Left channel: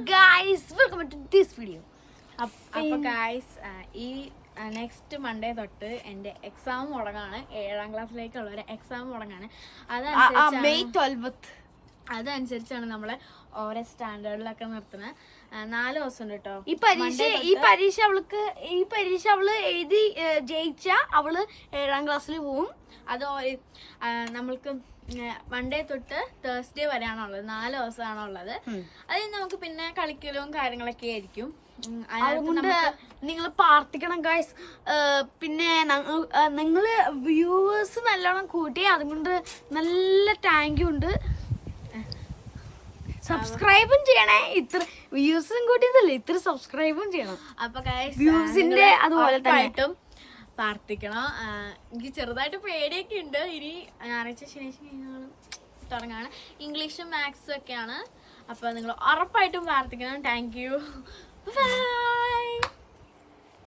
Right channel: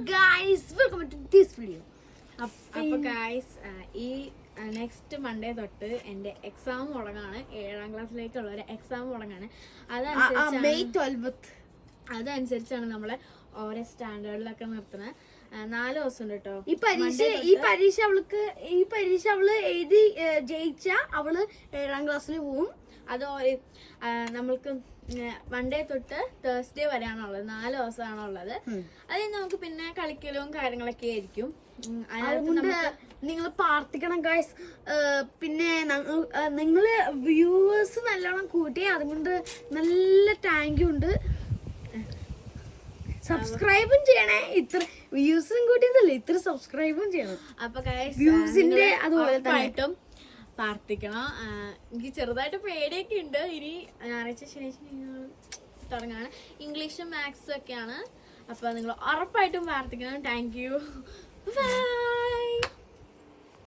guys, welcome to this video. അപ്പോൾ guys ഈ next Monday തൊട്ട് എൻ്റെ എക്സാം തുടങ്ങാണ്. 7ാം ക്ലാസ്സിലേക്കുള്ള ഒരു എക്സാം തുടങ്ങാണ്. അതനുസരിച്ചാണ് നമ്മളെ ഓരോ സ്റ്റാൻഡേർഡിലൊക്കെ നിർത്തുന്നത്. 4 ദിവസം ഉണ്ട് കേട്ടോ ഈ പരീക്ഷ അവള് എഴുതി ജയിച്ച അവള് 7ാം ക്ലാസ്സിൽ പോവും. അത് നമ്മൾക്ക് മൺഡേ തൊട്ട് തേഴ്സ്ഡേ വരെയാണുള്ളത്. 4 ദിവസമാണുള്ളത്. അതിൽ നമുക്ക് പിന്നെ കളിക്കലും കാര്യങ്ങളൊക്കെ ആയിരിക്കും. അതുകൊണ്ട് നിങ്ങൾ പ്രാർത്ഥിക്കണം ഗൈസ്. പിന്നെ നിങ്ങള് വ്യൂവേഴ്സ് നല്ലോണം കൂട്ടി, അതുകൊണ്ട് നല്ല താങ്ക് യു ഉണ്ട്. സബ്സ്ക്രൈബും ചെയ്യണേ. ഇത്ര വ്യൂസും കൂട്ടിയതല്ലേ, ഇത്ര സബ്സ്ക്രൈബും ചെയ്യണം. അപ്പൊ ഗൈസ് വ്യൂസിന്റെ അതുപോലെ തന്നെ പ്രാർത്ഥിക്കണം. എനിക്ക് ചെറുതായിട്ട് പേടിയൊക്കെ ഉണ്ട്. ഇനി ഞായറാഴ്ച ശനിയാഴ്ച തുടങ്ങാണ്. ഇംഗ്ലീഷും മാത്സും ഒക്കെയാണ്. അപ്പൊ നിങ്ങൾ ഉറപ്പായിട്ടും പ്രാർത്ഥിക്കണം. Thank you.